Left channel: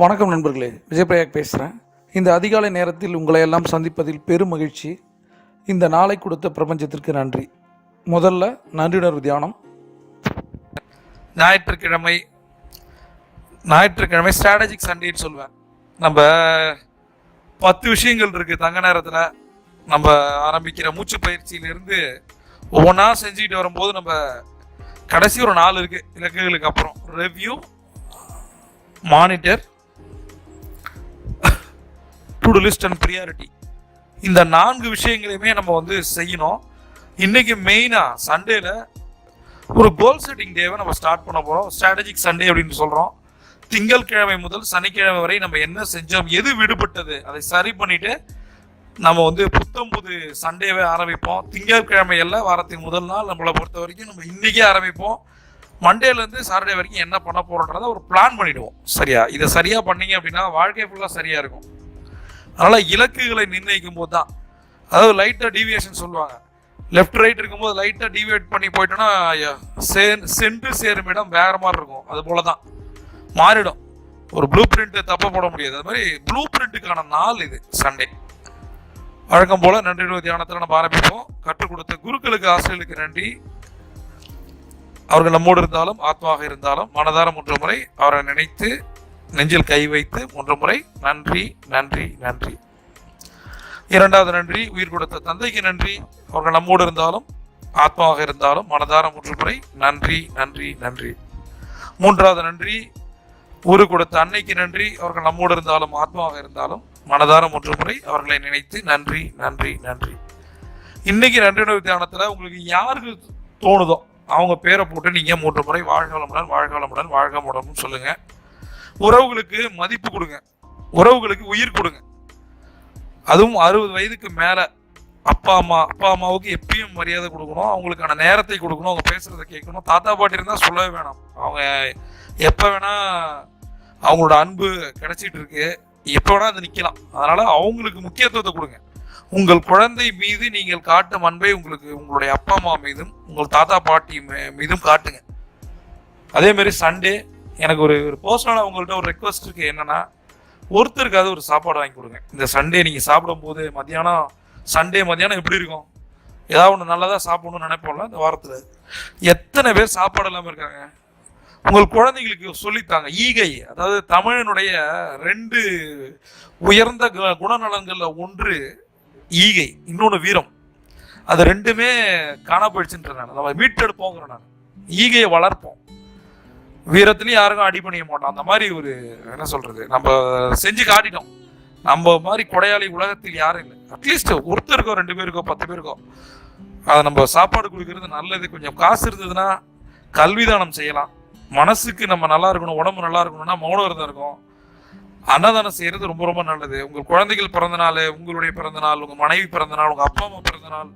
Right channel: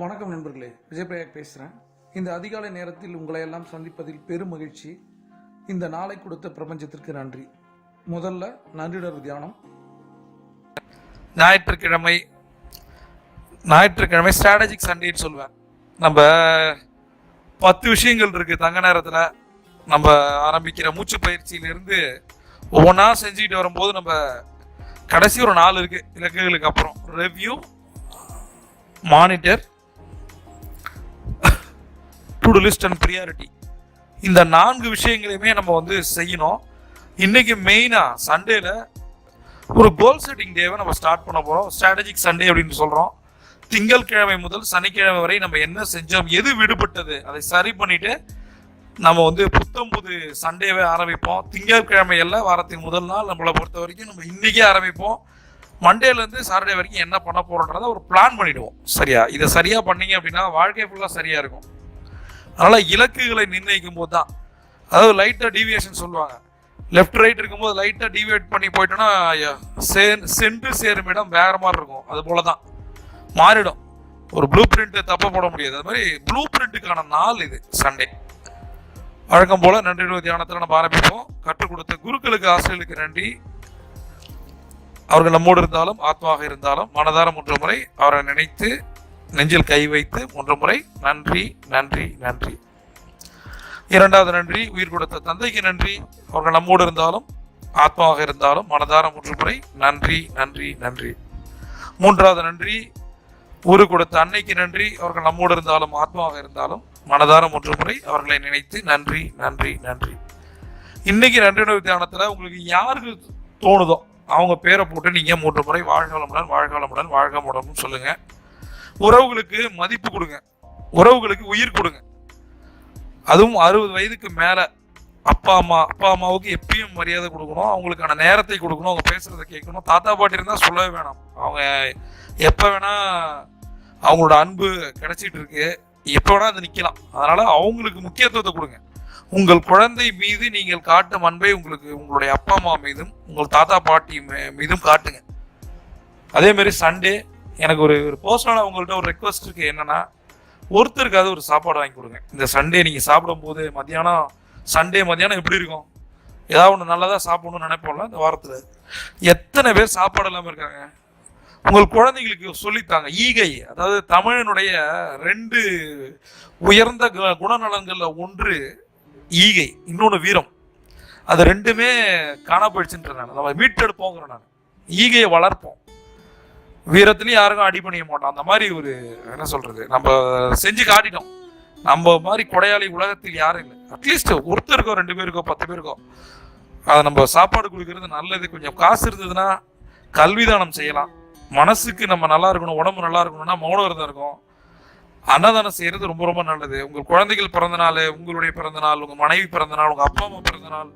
வணக்கம் நண்பர்களே, விஜயபிரயாக் பேசுகிறேன். இந்த அதிகாலை நேரத்தில் உங்களை எல்லாம் சந்திப்பதில் பெரும் மகிழ்ச்சி. இந்த நாளை கொடுத்த பிரபஞ்சத்திற்கு நன்றி. முதல்ல நன்றியுணர்வு தியானம். ஞாயிற்றுக்கிழமை ஸ்ட்ராட்டஜிக் சண்டேன்னு சொல்லுவேன். நம்ம 10 விஷயங்கள் இருக்குது தங்க நேரத்தில். நம்ம ஆரம்பிக்கிற மூச்சு பயிற்சியிலிருந்து ஒவ்வொன்றா செஞ்சுக்கிட்டு வரும்போது நம்ம கடைசி ஒரு 4 இருக்குது இலக்குகளுக்கு அப்புறம். Review, monitor, to to list and priority. இந்த 4 விஷயங்களையுமே நம்ம செய்யணும். இன்னைக்கு மெயினாக சண்டேல ஒரு கோல் செட்டிங் டேவை நம்ம ஸ்டார்ட் பண்ண போகிறோம். ஸ்ட்ராட்டஜிக் சண்டே அப்படின்னு சொல்கிறோம். திங்கட்கிழமை முதல் சனிக்கிழமை வரை நம்ம என்ன செஞ்சோம், எது விடுபட்டது, அதை சரி பண்ணிட்டு நம்ம புத்தம் புது சண்டேவே ஆரம்பிப்போம். திங்கட்கிழமை எல்லாம் வாரத்தின் முதல் நாள் நம்மளை பொறுத்த வரைக்கும் நம்ம இன்னைக்கே ஆரம்பிப்போம். மண்டேலேருந்து சாட்டர்டே வரைக்கும் என்ன பண்ண போகிறோன்றதை ஒரு பிளான் பண்ணிவிடுவோம். சரியா? இதை சரியாக பண்ணீங்க அப்படின்னா வாழ்க்கை ஃபுல்லாக சரியாக இருக்கும். அதனால் இலக்குகளை நிர்ணயிக்கும் போது தான், அதாவது லைட்டாக டீவியேஷன் சொல்லுவாங்க. லெஃப்ட் ரைட் இருக்கும்போது லைட்டாக டீவியேட் பண்ணி போயிட்டோன்னா சென்று சேரும் இடம் வேற மாதிரி இருக்கும். அது போல தான் மாறிடும். ஒரு ப்ளூ பிரிண்ட் தப்ப போட முடியாது. அது மாதிரி ப்ளூ பிரிண்ட்டுக்கான நாள் இது சண்டே. வழக்கம் போல நன்றி தியானத்தில் நம்ம ஆரம்பிப்போம். கற்றுக் கொடுத்த குருக்களுக்கு, ஆசிரியர்களுக்கு நன்றி. அவர்கள் நம்மோடு இருந்தாலும் ஆத்மாக இருந்தாலும் மனதார 3 முறை அவரை நினைத்து நெஞ்சில் கை வைத்து 3 முறை நன்றி நன்றி நன்றி. 2வது நன்றி உயிர் கொடுத்த தந்தைக்கு நன்றி. அவர்கள் நம்மோடு இருந்தாலும் ஆத்மாவாக இருந்தாலும் மனதார 3 முறை நன்றி நன்றி நன்றி. 3வது நன்றி ஊரு கொடுத்த அன்னைக்கு நன்றி. அவர்கள் நம்மோடு இருந்தாலும் ஆத்மாவாக இருந்தாலும் மனதார 3 முறை அவர்களை நினைத்து நன்றி நன்றி நன்றி. இன்னைக்கு நன்றி தியானத்தில் உங்களுக்கு யாருக்கு தோணுதோ அவங்க பேரை போட்டு நீங்க 3 முறை வாழ்க வளமுடன், வாழ்க வளமுடன், வாழ்க வளமுடன் சொல்லுங்க. உறவுகளுக்கு மதிப்பு கொடுங்க, உறவுகளுக்கு உயிர் கொடுங்க. அதுவும் 60 வயதுக்கு மேல அப்பா அம்மாவுக்கு எப்பயும் மரியாதை கொடுக்கணும். அவங்களுக்கான நேரத்தை கொடுக்கணும். அவங்க பேசுறதை கேட்கணும். தாத்தா பாட்டி இருந்தால் சொல்லவே வேணாம். அவங்க எப்போ வேணா அவங்களோட அன்பு கிடைச்சிட்டு இருக்கு. எப்போ வேணா அது நிற்கலாம். அதனால அவங்களுக்கு முக்கியத்துவத்தை கொடுங்க. உங்கள் குழந்தை மீது நீங்கள் காட்டும் அன்பை உங்களுடைய அப்பா அம்மா மீதும் உங்கள் தாத்தா பாட்டி மீதும் காட்டுங்க. அதே மாதிரி சண்டே எனக்கு ஒரு பர்சனலாக உங்கள்கிட்ட ஒரு ரெக்வஸ்ட் இருக்கு. என்னன்னா, ஒருத்தருக்காவது ஒரு சாப்பாடு வாங்கி கொடுங்க. இந்த சண்டே நீங்கள் சாப்பிடும் போது சண்டே மத்தியானம் எப்படி இருக்கும்? ஏதாவது ஒன்று நல்லதாக சாப்பிடணும்னு நினைப்போம்ல. இந்த வாரத்தில் எத்தனை பேர் சாப்பாடு இல்லாமல் இருக்காங்க? உங்கள் குழந்தைங்களுக்கு சொல்லித்தாங்க. ஈகை, அதாவது தமிழனுடைய 2 உயர்ந்த குணநலங்கள்ல ஒன்று ஈகை, இன்னொன்று வீரம். அது 2மே காணா போயிடுச்சுன்ற நம்ம மீட்டெடுப்போங்கிற நான். ஈகையை வளர்ப்போம். வீரத்துலையும் யாருக்கும் அடி பண்ணிக்க மாட்டோம். அந்த மாதிரி ஒரு என்ன சொல்றது, நம்ம செஞ்சு காட்டிட்டோம். நம்ம மாதிரி கொடையாளி உலகத்தில் யாரும் இல்லை. அட்லீஸ்ட் ஒருத்தருக்கோ 2 பேருக்கோ 10 பேருக்கோ அதை நம்ம சாப்பாடு கொடுக்கறது நல்லது. கொஞ்சம் காசு இருந்ததுன்னா கல்விதானம் செய்யலாம். மனசுக்கு நம்ம நல்லா இருக்கணும், உடம்பு நல்லா இருக்கணும்னா மௌன விரதம் இருக்கும். அன்னதானம் செய்யறது ரொம்ப ரொம்ப நல்லது. உங்கள் குழந்தைகள் பிறந்த நாள், உங்களுடைய பிறந்த நாள், உங்க மனைவி பிறந்த நாள், உங்க அப்பா அம்மா பிறந்த நாள்,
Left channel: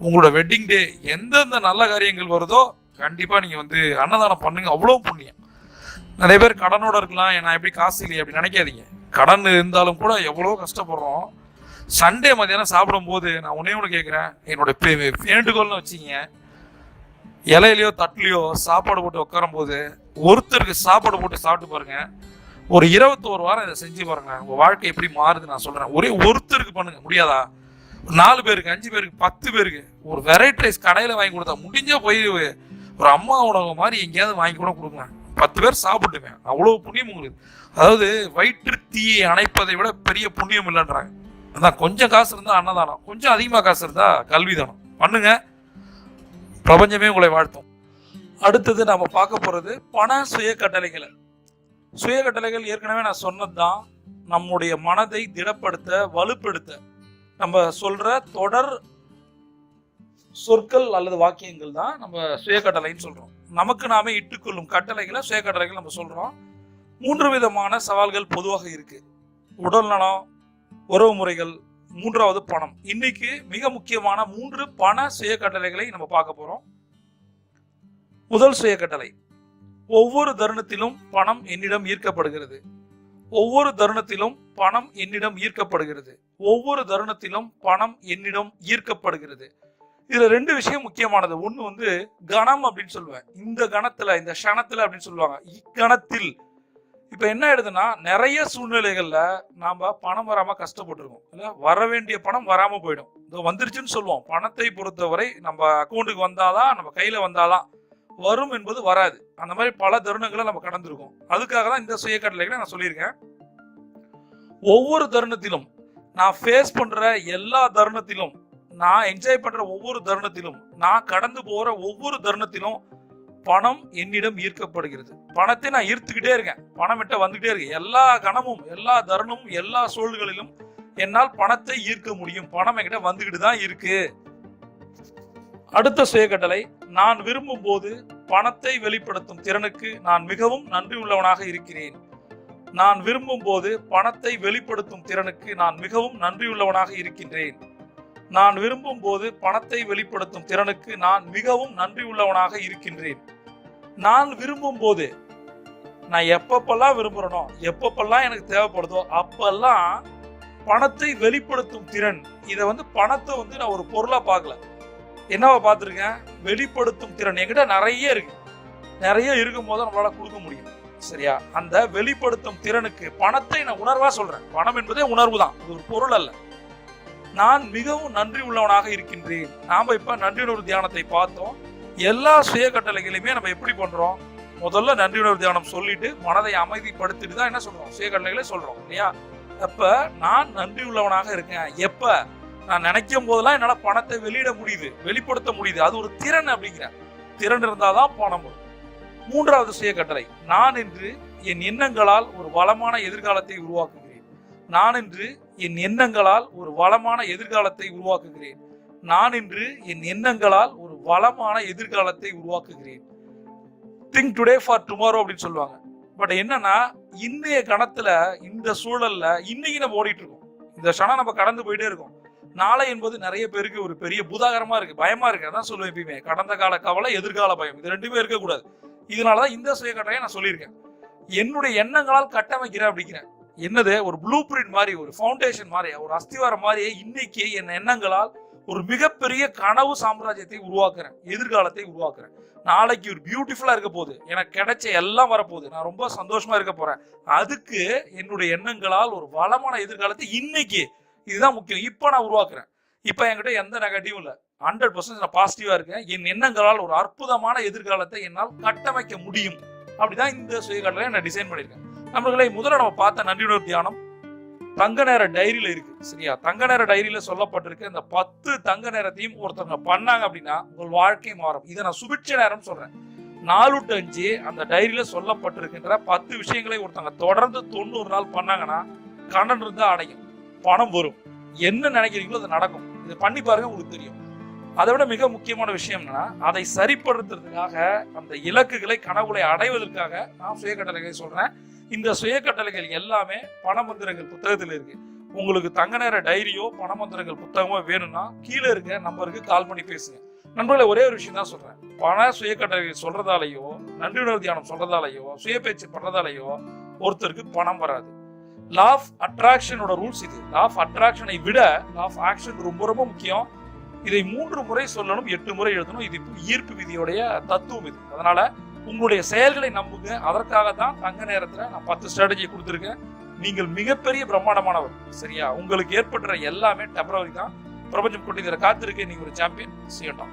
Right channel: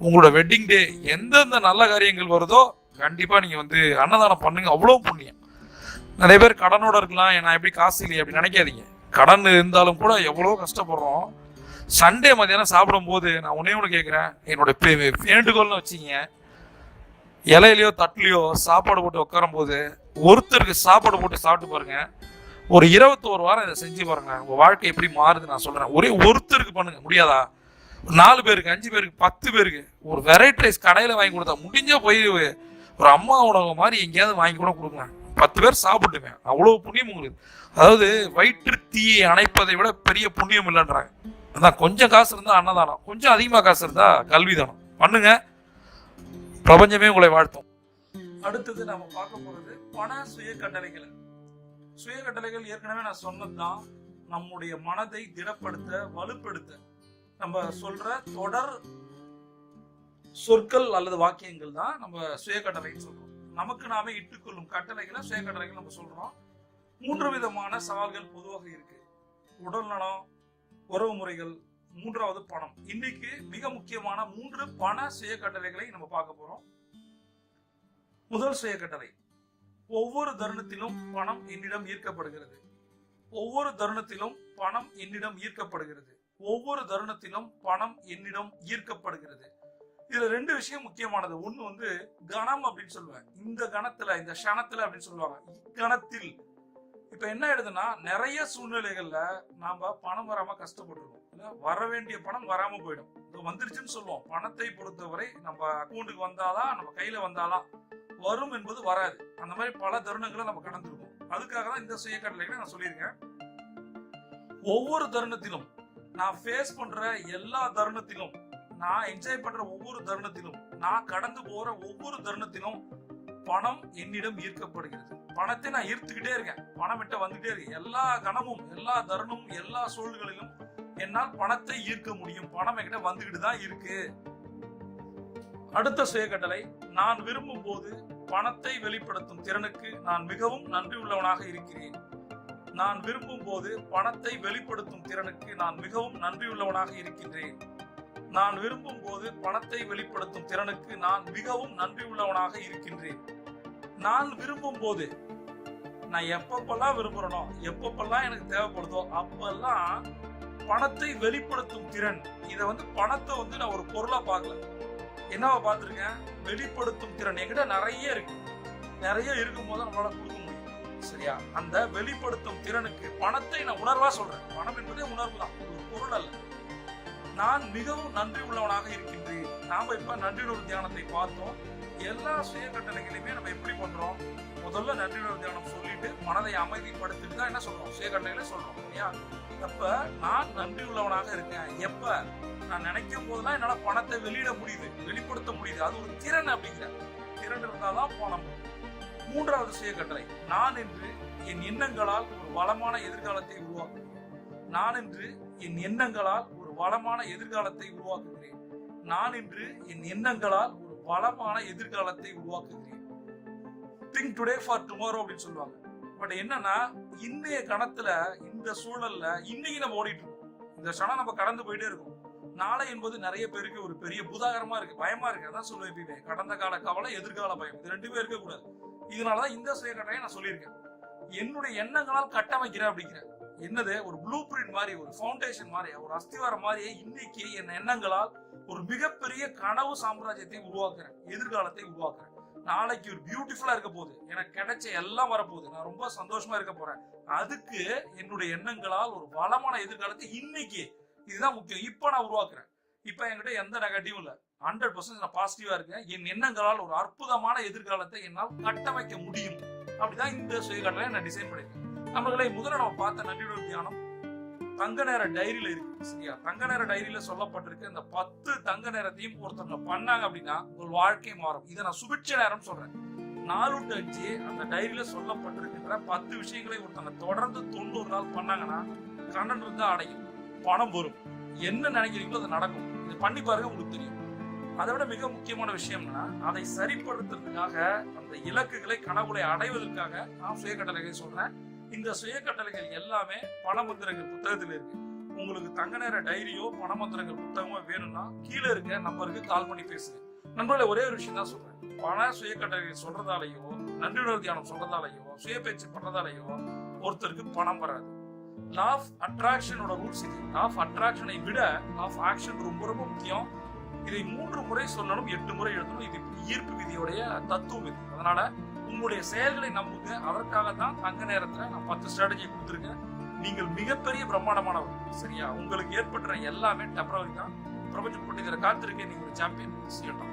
உங்களோட வெட்டிங் டே, எந்தெந்த நல்ல காரியங்கள் வருதோ கண்டிப்பா நீங்க அன்னதானம் பண்ணுங்க. அவ்வளவு புண்ணியம். நிறைய பேர் கடனோட இருக்கலாம், நான் எப்படி காசு இல்லையே அப்படி நினைக்காதீங்க. கடன் இருந்தாலும் கூட எவ்வளோ கஷ்டப்படுறோம். சண்டே மத்தியானம் சாப்பிடும் போது நான் ஒன்று கேட்குறேன். என்னோட வேண்டுகோள்னு வச்சிங்க, இலையிலையோ தட்டுலையோ சாப்பாடு போட்டு உட்காரும் போது ஒருத்தருக்கு சாப்பாடு போட்டு சாப்பிட்டு பாருங்க. ஒரு 21 வாரம் இதை செஞ்சு பாருங்க. உங்க வாழ்க்கை எப்படி மாறுது நான் சொல்றேன். ஒரே ஒருத்தருக்கு பண்ணுங்க. முடியாதா? 4 பேருக்கு, 5 பேருக்கு, 10 பேருக்கு ஒரு வெரைட்டி ரைஸ் கடையில் வாங்கி கொடுத்தா முடிஞ்சா போய் ஒரு அம்மா உணவு மாதிரி எங்கேயாவது வாங்கி கூட கொடுங்க. 10 பேர் சாப்பிட்டுவேன். அவ்வளோ புண்ணியம் உங்களுக்கு. அதாவது வயிற்று தீயை அணைப்பதை விட பெரிய புண்ணியம் இல்லைன்றாங்க. அதான் கொஞ்சம் காசு இருந்தால் அன்னதானம், கொஞ்சம் அதிகமாக காசு இருந்தால் கல்விதானம் பண்ணுங்க. பிரபஞ்சமே உங்களை வாழ்த்தும். அடுத்தது நம்ம பார்க்க போறது பண சுய கட்டளைகள். சுய கட்டளைகள் ஏற்கனவே நான் சொன்னதுதான். நம்முடைய மனதை திடப்படுத்த, வலுப்படுத்த நம்ம சொல்ற தொடர் சொற்கள் அல்லது வாக்கியங்கள் தான் நம்ம சுய கட்டளைன்னு சொல்றோம். நமக்கு நாமே இட்டுக்கொள்ளும் கட்டளைகளை சுய கட்டளைகள் நம்ம சொல்றோம். 3 விதமான சவால்கள் பொதுவாக இருக்கு. உடல் நலம், உறவு முறைகள், 3வது பணம். இன்னைக்கு மிக முக்கியமான 3 பண சுய கட்டளைகளை நம்ம பார்க்க போறோம். முதல் சுய கட்டளை, ஒவ்வொரு தருணத்திலும் பணம் என்னிடம் ஈர்க்கப்படுகிறது. ஒவ்வொரு தருணத்திலும் பணம் என்னிடம் ஈர்க்கப்படுகிறது. ஒவ்வொரு தருணத்திலும் பணம் என்னிடம் ஈர்க்கப்படுகிறது. இதுல 2 விஷயம் முக்கியமானது. ஒண்ணு கணம் அப்படின்னு சொல்லுவேன். இந்த கணத்துல, இந்த க்ஷணத்துல அப்படின்னு சொல்லுவாங்க. இக்கணத்தில் இப்போ என்ன ஆயிடுதுன்னா நிறைய சூழ்நிலைகள்ல நாம பணம் வராம கஷ்டப்பட்டிருக்கோம், இல்ல வர வேண்டிய பணம் வராம போயிடும். இதோ வந்துருச்சுன்னு சொல்லுவோம். பணத்தை பொறுத்தவரை நம்ம அக்கௌண்ட்டுக்கு வந்தாதான், நம்ம கையில வந்தாதான் வரும் என்பது வராது. அந்த மாதிரி பல தருணங்களை நம்ம கடந்திருக்கோம். அதுக்காக தான் இந்த சுய கட்டளைகளை நான் சொல்லியிருக்கேன். ஒவ்வொரு தருணத்திலும் நான் ஃபேஸ் பண்ற எல்லா தருணத்திலும், நான் என்ஜாய் பண்ற ஒவ்வொரு தருணத்திலும், நான் கடந்து போற ஒவ்வொரு தருணத்திலும் பணம் என்னிடம் ஈர்க்கப்படுகிறது. பணத்தை நான் ஈர்த்துக்கிட்டே இருக்கேன். பணம் கிட்ட வந்துகிட்டே இருக்கு. எல்லா கணமும், எல்லா தருணமும், எல்லா சூழல்களிலும் என்னால் பணத்தை ஈர்க்க முடியும். பணம் என்கிட்ட வந்துகிட்டு தான் இருக்கு. அடுத்த சுய கட்டளை, நான் விரும்பும் போது பணத்தை வெளிப்படுத்தும் திறனுக்கு நான் மிகவும் நன்றி உள்ளவனாக இருக்கிறேன். நான் விரும்பும் போது பணத்தை வெளிப்படுத்தும் திறனுக்கு நான் மிகவும் நன்றியுள்ளவனாக இருக்கின்றேன். நான் விரும்பும் போது பணத்தை வெளிப்படுத்தும் திறனுக்கு நான் மிகவும் நன்றி உள்ளவனாக இருக்கின்றேன். நான் விரும்பும் போது, நான் எப்பப்பெல்லாம் விரும்புறனோ, எப்பப்பெல்லாம் எனக்கு தேவைப்படுதோ அப்பெல்லாம் பணத்தை வெளிப்படுத்தும் திறன், இதை பணத்தை நான் ஒரு பொருளா பார்க்கல, என்னவா பார்த்துருக்கேன், வெளிப்படுத்தும் திறன் என்கிட்ட நிறைய இருக்கு. நிறைய இருக்கும் போது நம்மளால கொடுக்க முடியும். சரியா? அந்த வெளிப்படுத்தும் திறனுக்கு பணத்தை நான் உணர்வா சொல்றேன். பணம் என்பதே உணர்வு தான், இது ஒரு பொருள் அல்ல. நான் மிகவும் நன்றி உள்ளவனாக இருக்கின்றேன். நாம இப்ப நன்றியுணர்வு தியானத்தை பார்த்தோம். எல்லா சுய கட்டளைகளையுமே நம்ம எப்படி பண்றோம்? முதல்ல நன்றியுணர்வு தியானம் சொல்லிட்டு மனதை அமைதிப்படுத்திட்டு தான் என்ன சொல்றோம், சுய கட்டளைகளை சொல்றோம் இல்லையா? அப்ப நான் நன்றி உள்ளவனாக இருக்கேன். எப்ப நான் நினைக்கும் போதெல்லாம் என்னால பணத்தை வெளியிட முடியுது, வெளிப்படுத்த முடியுது. அது ஒரு திறன். அப்படிங்கிற திறன் இருந்தாதான் பணம் வரும். மூன்றாவது சுய கட்டளை, நான் இன்று என் எண்ணங்களால் ஒரு வளமான எதிர்காலத்தை உருவாக்குகிறேன். நான் இன்று என் எண்ணங்களால் ஒரு வளமான எதிர்காலத்தை உருவாக்குகிறேன். நான் இன்று என் எண்ணங்களால் ஒரு வளமான எதிர்காலத்தை உருவாக்குகிறேன். திங்க் டுடே ஃபார் டுமாரோ அப்படின்னு சொல்லுவாங்க. பட் என்னன்னா, இன்னைய கணத்துல, இந்த சூழல்ல இன்னைக்கு நம்ம ஓடிட்டு இருக்கோம். இந்த க்ஷணம் நம்ம கடந்து போயிட்டே இருக்கோம். நாளை என்பது நிறைய பேருக்கு ஒரு பெரிய பூதாகரமா இருக்கு, பயமா இருக்கு. அதான் சொல்லுவேன் எப்பயுமே, கடந்த கால கவலை, எதிர்கால பயம், இது ரெண்டுமே இருக்கக்கூடாது. இதனாலதான் இந்த சுய கட்டளையை நான் சொல்லியிருக்கேன். என்னுடைய எண்ணங்களால் கட்டமைக்கிறேன் அப்படிங்கிறேன். என்னது, ஒரு ப்ளூ பிரிண்ட் மாதிரி, ஒரு ஃபவுண்டேஷன் மாதிரி, ஒரு அஸ்திவாரம் மாதிரி இன்னைக்கு என் எண்ணங்களால் ஒரு மிகப்பெரிய கனவு சாம்ராஜ்யத்தை உருவாக்குறேன், எதிர்காலத்தை உருவாக்குறேன். நாளைக்கு ஒரு பியூட்டிஃபுல்லா இருக்க போகுது, எனக்கு கிடைச்ச எல்லாம் வரப்போகுது, நான் ரொம்ப சந்தோஷமா இருக்க போறேன். அதுக்கு என்னுடைய எண்ணங்களால் ஒரு வளமான எதிர்காலத்தை இன்னைக்கு, இதுதான் முக்கியம், இப்ப நான் உருவாக்குறேன். இப்ப என்கிட்ட எந்த நெகட்டிவும் இல்லை, 100% நான் பாசிட்டிவா இருக்கேன். என் எண்ணங்களால் ஒரு அற்புதமான எதிர்காலத்தை என்னால் கட்டமைக்க முடியும். அப்படிதான் இந்த சுய கட்டளையை நான் டிசைன் பண்ணிருக்கேன். நம்மளே முதல்ல நம்ம பார்த்த நன்றியுணர்வு தியானம் தங்க நேர டைரியில இருக்கு. சரியா? தங்க நேர டைரியில சொல்லப்பட்டிருக்கு. இந்த 10 தங்க நேரத்தையும் ஒருத்தவங்க பண்ணாங்க அப்படின்னா உங்கள் வாழ்க்கை மாறும். இதை நான் சுபிட்ச நேரம் சொல்றேன். 4 to 5 அந்த டைரியில சொல்லப்பட்டிருக்கின்ற 10 விஷயங்களை ஒருத்தவங்க தொடர்ந்து 90 நாள் பண்ணாங்கன்னா கடன் இருந்தா அடையும், பணம் வரும், என்ன நினைக்கிறீங்களோ அது நடக்கும். இது பண்ணி பாருங்க, உங்களுக்கு தெரியும். அதை விட மிக முக்கியமான விஷயம் என்னன்னா, அதை சரிப்படுத்துறதுக்காக, அந்த இலக்குகளை, கனவுகளை அடைவதற்காக நான் சுய கட்டளைகளை சொல்றேன். இந்த சுய கட்டளைகள் எல்லாமே பணமந்திரங்கள் புத்தகத்தில் இருக்கு. உங்களுக்கு தங்க நேர டைரியோ பணமந்திரங்கள் புத்தகமோ வேணும்னா கீழே இருக்க நம்பருக்கு கால் பண்ணி பேசுங்க. நண்பர்களே, ஒரே ஒரு விஷயம் தான் சொல்றேன். பண சுய கட்டளைகள் சொல்றதாலேயோ, நன்றியுணர்வு தியானம் சொல்றதாலேயோ, சுய பேச்சு பண்றதாலேயோ ஒருத்தருக்கு பணம் வராது. லா ஆஃப் அட்ராக்ஷனோட ரூல்ஸ் இது. லா ஆஃப் அட்ராக்ஷனை விட லா ஆஃப் ஆக்ஷன் ரொம்ப ரொம்ப முக்கியம். இதை 3 முறை சொல்லணும், 8 முறை எழுதணும். இது ஈர்ப்பு விதியோடைய தத்துவம் இது. அதனால உங்களுடைய செயல்களை நம்புங்க. அதற்காக தான் தங்க நேரத்துல நான் 10 ஸ்ட்ராட்டஜி கொடுத்துருக்கேன். நீங்கள் மிகப்பெரிய பிரம்மாண்டமானவர். சரியா? உங்களுக்கு ஏற்படுற எல்லாமே டெம்பரவரி தான். பிரபஞ்சம் கொண்டு இதில் காத்திருக்கேன். நீங்க ஒரு சாம்பியன். செய்யட்டும்.